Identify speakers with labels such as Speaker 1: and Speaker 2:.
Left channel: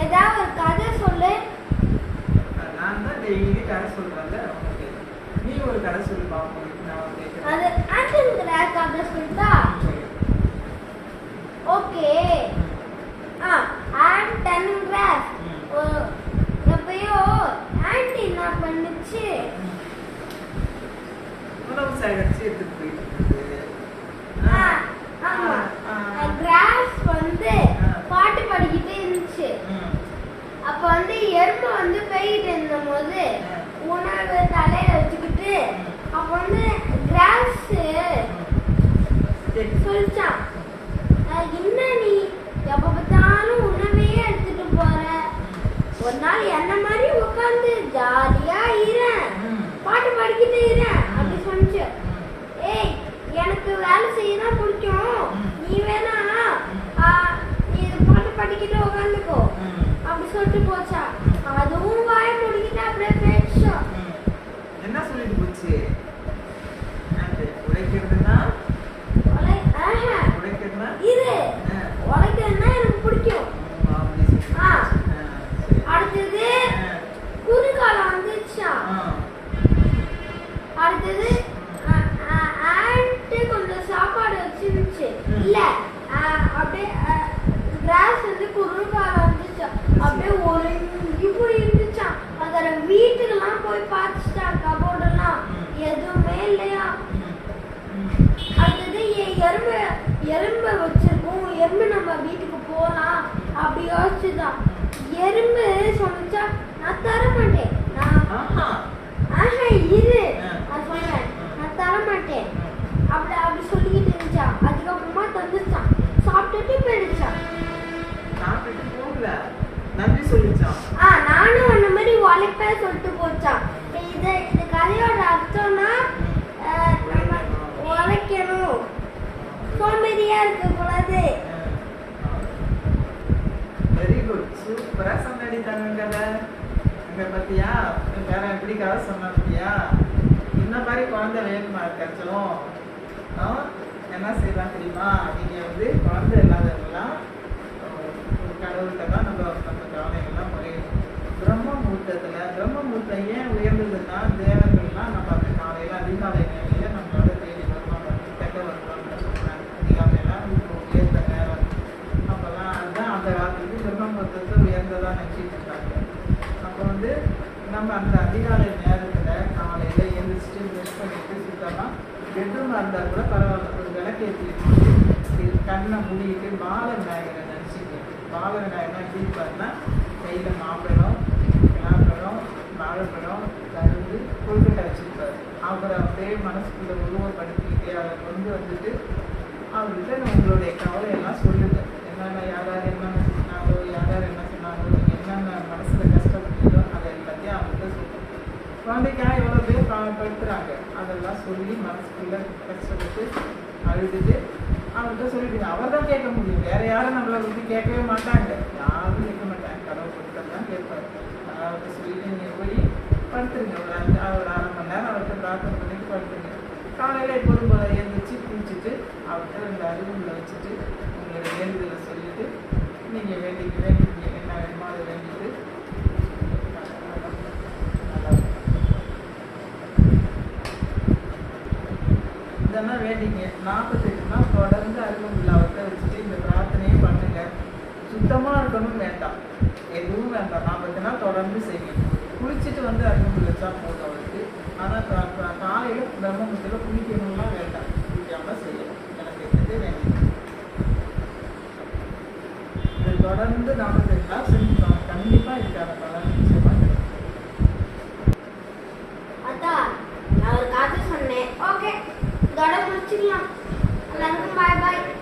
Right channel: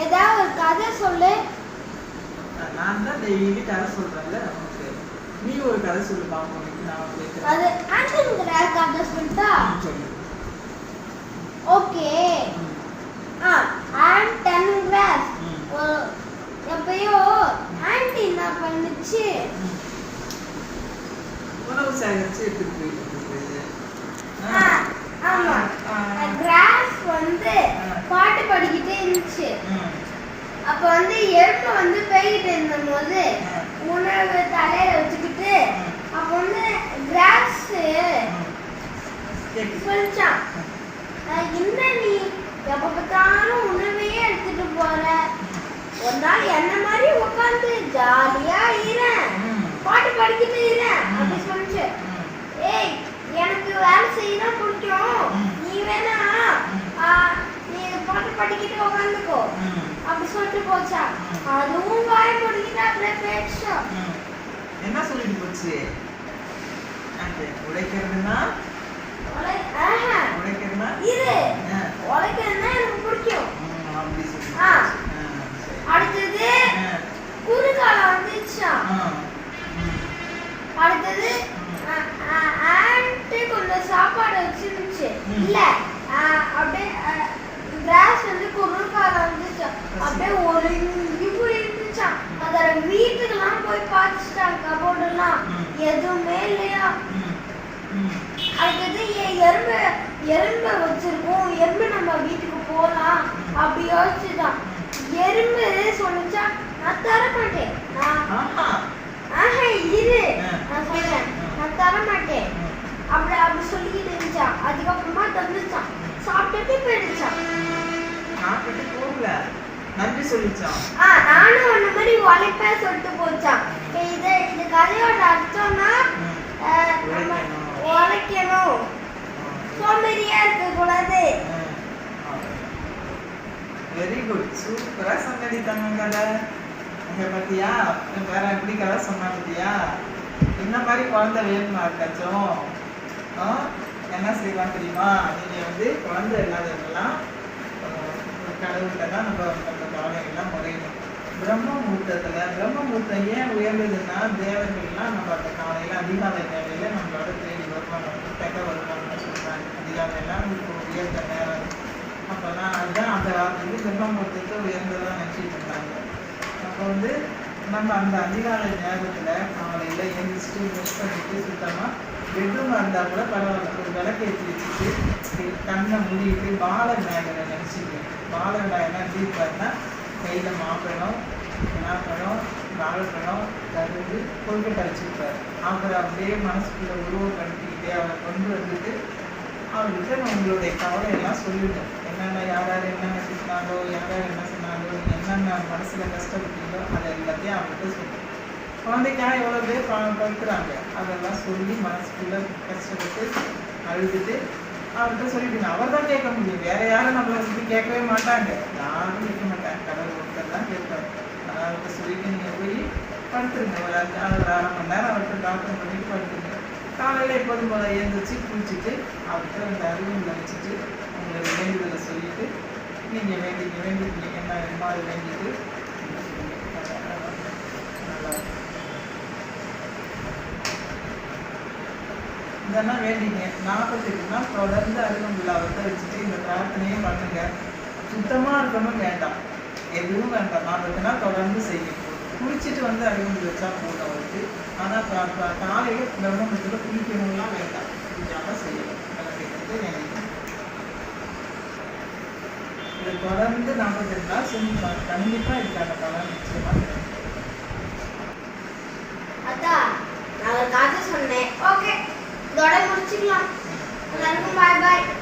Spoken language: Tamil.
Speaker 1: ஏதாவது ஒரு கதை சொல்லு.
Speaker 2: நான் தான் டெய்லி கதை சொல்றேன்ல நீ ஒரு கதை சொல்லி இன்னைக்கு நான்.
Speaker 1: அது ஆண்டனுங்கிற கதை சொல்லிட்டா ஓகே. ஆ ஆண்டன் கிராஸ்
Speaker 2: ம்.
Speaker 1: ஒரு எப்பயோ ஆண்டி என்ன பண்ணுச்சு.
Speaker 2: உணவு சேகரிச்சு எடுத்துட்டு போயிட்டு இருந்தது.
Speaker 1: ஆ, ஆமா. கிராஸ் வந்து இருந்துச்சு அப்ப வந்து எறும்பு வந்து போயிட்டு இருந்தபோது உணவு தலையில வச்சுக்கிட்டு அப்ப வந்து கிராஸ் சொல்லிச்சான் என்ன நீ எப்ப பார்த்தாலும் உணவையே எடுத்துட்டு போற? ஒரு நாள் என்ன மாதிரி உட்காந்து ஜாலியா இருறேன். பாட்டு படிக்கிட்டு இருறேன் அப்படி சொல்லிச்சு
Speaker 2: ம்.
Speaker 1: ஏய் எனக்கு வேலை செய்யதான் பிடிக்கும்
Speaker 2: ம்.
Speaker 1: நீ வேணா ஆ, நீ பாட்டு பாடிக்கிட்டு உட்காந்துக்கோ
Speaker 2: ம்.
Speaker 1: அப்படி சொல்லிட்டு போச்சா அதுவும் வாய் முடிக்கிட்டு அப்படியே பேச்சா
Speaker 2: ம். என்ன சொல்லிட்டு போச்சு ஆ.
Speaker 1: உழைக்கிறதுனா எனக்கு பிடிக்கும். அடுத்தது
Speaker 2: ஆ.
Speaker 1: குறுகாலம் வந்துச்சா
Speaker 2: ஆ.
Speaker 1: அடுத்தது ஆண்ட்டு கொஞ்சம் சாப்பாடு வச்சிருந்துச்சு. இல்ல ஆ, அப்படியே கிராஸ் வந்து குறுகாலம் வந்துச்சா அப்படியே ஒழுங்கி போய் இருந்துச்சான் அதோட வீட்டுக்கெல்லாம் போய் பார்த்துட்டாங்க கபோர்டெல்லாம். எதுவுமே இல்லையா. அடுத்தது எறும்பு எறும்பு வச்சிருக்கோம். எறும்பு நம்ம வீட்டுக்கு போகலாம் அப்படி யோசிச்சுதான். எறும்பு சொன்னிச்சா நான் தர மாட்டேன் நான்
Speaker 2: ஆஹா.
Speaker 1: இரு. நான் சொல்றேன்.
Speaker 2: ஆ.
Speaker 1: நான் தர மாட்டேன். அப்படி அப்படி சொல்லிக்கிட்டு இருந்துச்சான் அதுக்கப்புறமா தந்துச்சான். சாப்பிட்டுட்டு போயிடுச்சான்.
Speaker 2: சாப்பிட்டு போகல. நன்றி சொல்லிச்சான்.
Speaker 1: ஆ நானும் அந்த மாதிரி உழைப்பேன் சொல்லிட்டு போச்சான். இது இது கதையோட அர்த்தம்னா சோம்பேறியா இருக்க கூடாது
Speaker 2: வெரி குட் சூப்பரா சொன்னடி தங்க கதை இங்க பாத்தியா? வேற எப்படி கதை சொன்னா பாத்தியா? என்ன மாதிரி குழந்தை வேணுமா இருக்காச்சும் என்ன செய்யலாம் தெரியுமா? நீங்க வந்து குழந்தை இல்லாதவங்களாம் கடவுள்கிட்ட தான் நம்ம நம்ம கவலைகள்லாம் முறையணும் பிரம்ம முகூர்த்தத்துல பிரம்ம முகூர்த்தம் ஏன் உயர்ந்ததுன்னா தேவர்கள்லாம் நம்ம அந்த காலையில் அதிகாலை அப்போ வந்து நம்ம அந்த அதிகாலை நேரத்தில் காலையில் எழுந்திரிச்சிட்டு ப்ரெஷ் பண்ணிட்டு சுத்தமாக பெட்ரூம் இருந்தால் கூட பரவாயில்ல. ஒரு விளக்கேற்றி வச்சுட்டு கண்ணை மூடிட்டு பால விநாயகரை நினச்சிக்க பால விநாயகர் எப்படி இருப்பாருன்னா கையில் மாம்பழம் பலாப்பழம் வாழைப்பழம் கருது கொழுக்கட்டை வச்சிருப்பாரு. அவர் அப்படியே மனசுக்குள்ள உருவப்படுத்திக்கிட்டே அவரை கொண்டு வந்துட்டு அவர்கிட்ட உங்களுடைய கவலை குழந்தைக்காக எவ்வளோ பேர் படுத்துகிறாங்க அதெல்லாம் சொல்லி மனசுக்குள்ளே கஷ்டப்பட்டு அழுதுட்டு அவர்கிட்ட சொல்லிவிடுங்க அவர் தான் கேட்க முடியும். வேற யாரும் நம்மளை வந்து கேட்கவே மாட்டாங்க. யாரும் கேட்க மாட்டாங்க. கடவுள் ஒருத்தர் தான் கேட்பாரு. அதனால அவர்கிட்ட சொல்லிட்டு நீங்கள் போய் படுத்துருங்க. ஒரு அஞ்சு ஒரு அரை மணி நேரம் அவர்கிட்ட டாக்டர் பண்ணிட்டு படுத்துருங்க. காலையில் எப்போதும் போல எழுந்திரிச்சு குளிச்சுட்டு அவர்கிட்ட இந்த அறிவுள்ள வச்சுட்டு உங்களை வேண்டுதலை சொல்லிட்டு நீங்கள் வேண்டிக்க வேண்டிக்க என்ன வேணுமா வேண்டிங்க. நாற்பத்தெட்டு நாள் தொடர்ந்து அருகம்புள்ள அவர்கிட்ட வச்சுட்டு இந்த பிரார்த்தனையும் பண்ணுங்க. சுத்தமாக இருக்கணும் வேண்டாம். எதுவும் வேண்டாம். நாற்பத்தி நாள் தொடர்ந்து செய்யணும் குளிச்சுட்டு வந்து அருகம்புல் வச்சா போதும் அவருக்கு. ஆனால் காலையில் பிரம்மத்தில் குளிக்கணும்லாம் வேண்டாம். குளிக்காமல் செய்யணும். எனக்கு வந்து எனக்கு இதை தொடர்ந்து நாற்பத்தெட்டு நாள் செஞ்சு கண்டிப்பாக இதுக்கான பலன்
Speaker 1: நான் ஒரு கதை சொன்னேன் ஓகே